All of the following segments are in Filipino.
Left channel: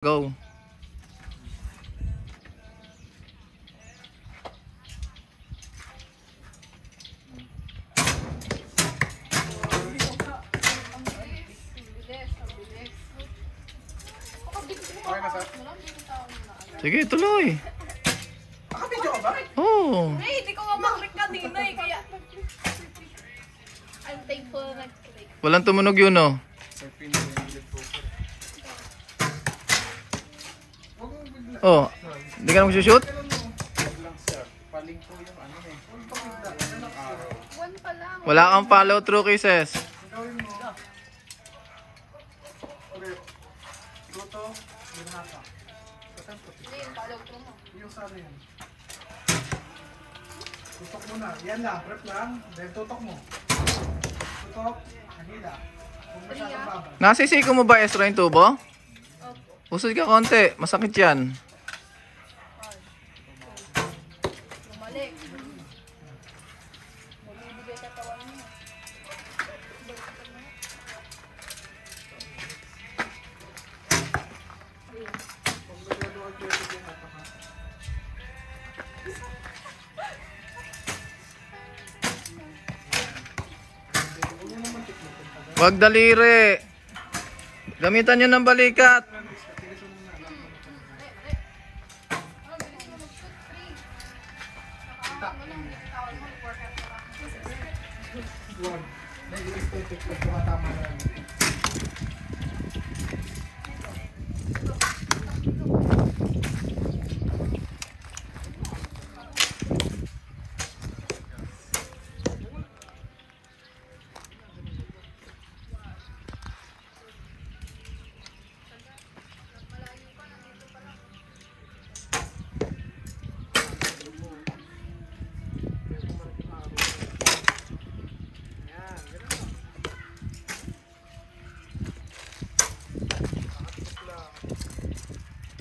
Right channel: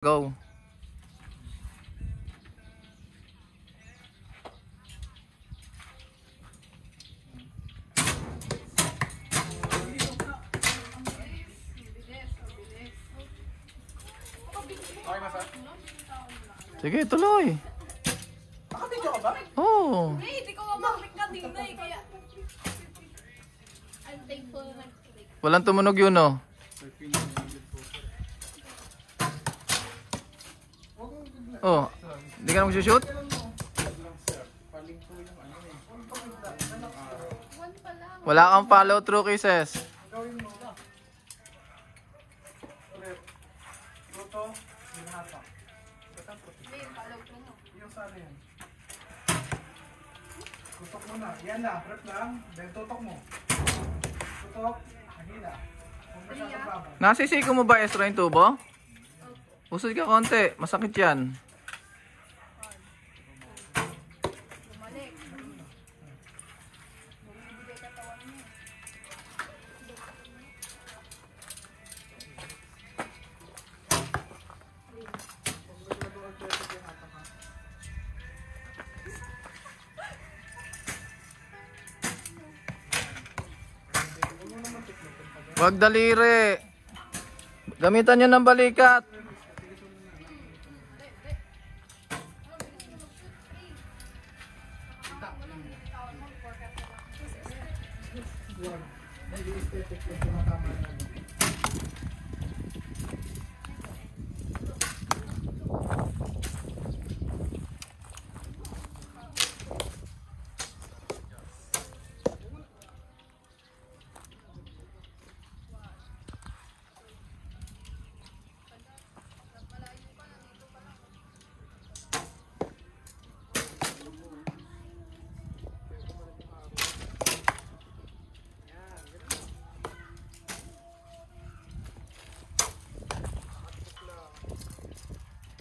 Go. Sige, tuloy. Nakabidyo ka ba? Oo. Ay, hindi ko mamaklik kanina eh, kaya... I'm thankful na nag-click. Walang tumunog yun, oh. Oh, hindi ka na magsushoot? One pa lang. Wala kang follow through cases. Ulit. Luto. Binahata. Hindi, yung follow through mo. Yung sana yan. Tutok muna. Yan lang. Prep lang. Then tutok mo. Tutok. Hagila. Kung masyadong babal. Nasisiko mo ba, Ezra, yung tubo? Opo. Usod ka konti. Masakit yan. Bumalik. Bumibigay katawan niya. Kung maglaluan ko ito yung hata ka. Huwag mo naman tiklopin pa. Wag daliri. Gamitan nyo ng balikat. Huwag. Nag-i-aesthetic ko tumatama na lang.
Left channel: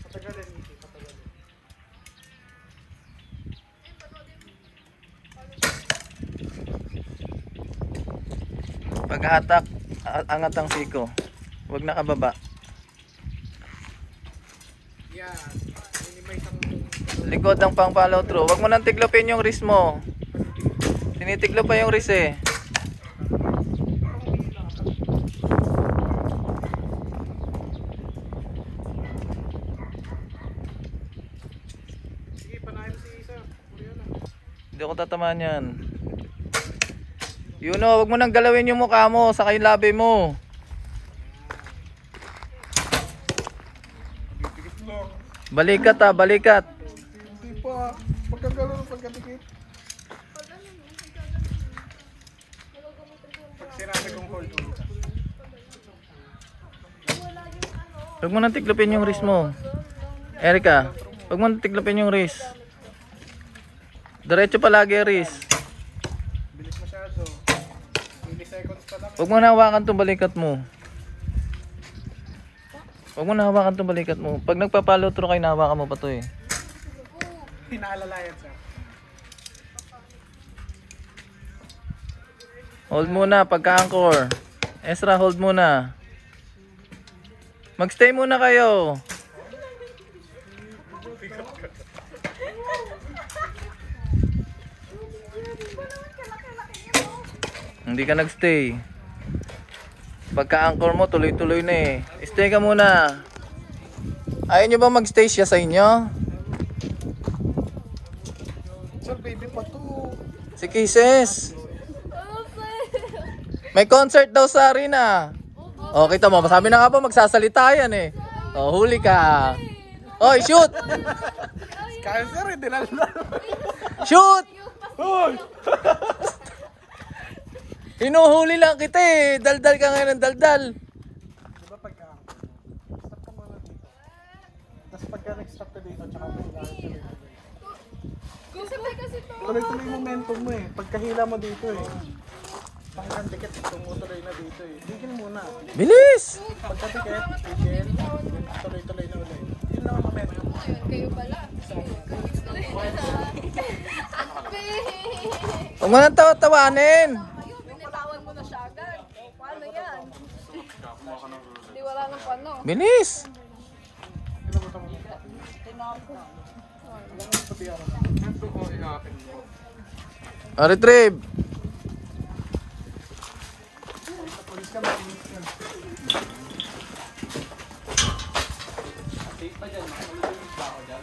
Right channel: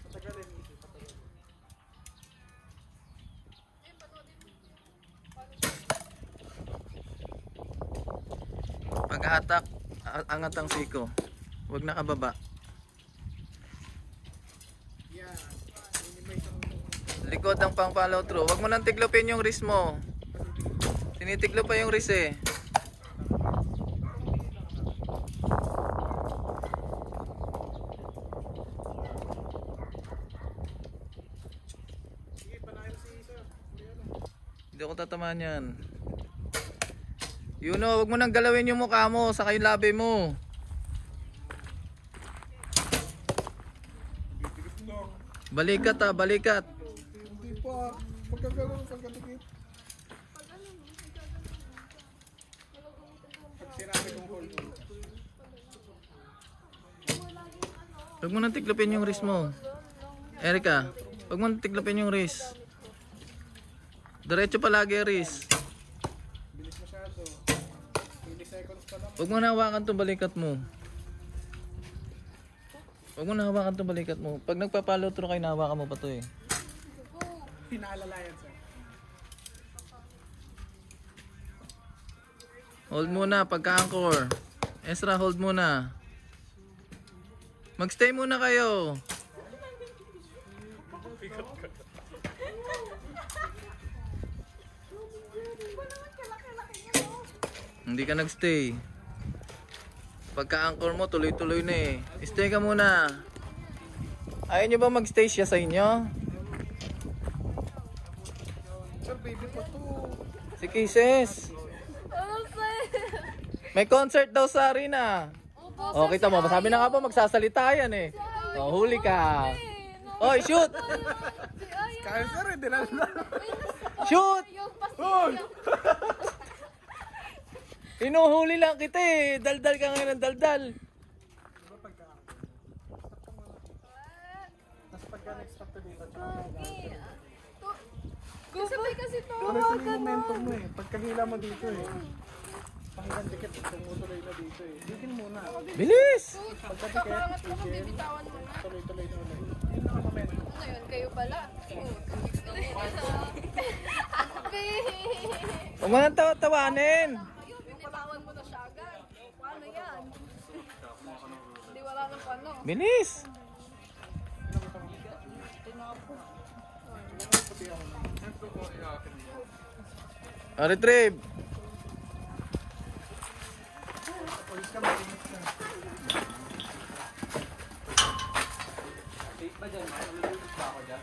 Patagalin, Miki. Patagalin. Paghatak, angat ang siko. Wag nakababa. Yan. Minimize ang Likod ng pang follow through. Wag mo nang tiglopin yung wrist mo. Tinitiglo pa yung wrist eh. Sige, panahin si Sir. Puriyo lang. Hindi ako tatamaan yan. Yun o, wag mo nang galawin yung mukha mo, saka yung labi mo. Dikit lang. Balikat ha, balikat. Hindi pa. Pagkagalaw, pagkadikit. Pag ano mo, ay gagawin mo. Nagagamitin ko yung bra. Sinabi kong hold on. Wala yung ano. Wag mo nang tiglopin yung wrist mo. Erika, wag mo nang tiglopin yung wrist. Diretso palagi yung wrist. Bilis masyado. 20 seconds pa lang. Wag mo na hawakan tong balikat mo. Wag mo na hawakan tong balikat mo. Pag nagpa-follow through kayo, nahawakan mo pa to eh. Pinaalalayan, Sir. Hold muna pagka-anchor. Ezra, hold muna. Magstay muna kayo. Hindi ka nagstay. Pagka-anchor mo, tuloy-tuloy na eh. Stay ka muna. Ayaw nyo ba magstay siya sa inyo? Sir, baby pa to. Si Kisses. Ano sa'yo? May concert daw sa arena. O, kita mo. Sabi na nga po, magsasalita yan eh. O, huli ka. Oy, shoot! Kaya, Sir, hindi na lang. Shoot! Yung pasok. Hinuhuli lang kita eh. Daldal ka ngayon ng daldal. Diba pagka-anchor mo? Stop ka muna dito. Tapos pagka nag-stop ka dito, tsaka mag-hila. Sabay kasi to. Tuloy-tuloy yung momentum mo eh. Pagkahila mo dito eh. Pangkandikit, tumutuloy na dito eh. Tigil muna. Bilis! Pagkakangat mo, bibitawan mo na. Tuloy-tuloy na ulit. Yun lang ang momentum. Ano yun, kayo pala. Huwag mo nang tawa-tawanin. Kayo, binitawan mo na siya agad. Paano yan? Hindi wala nang pano. Bilis! Retrieve. Safe ba dyan? Makalulunod ba ako dyan?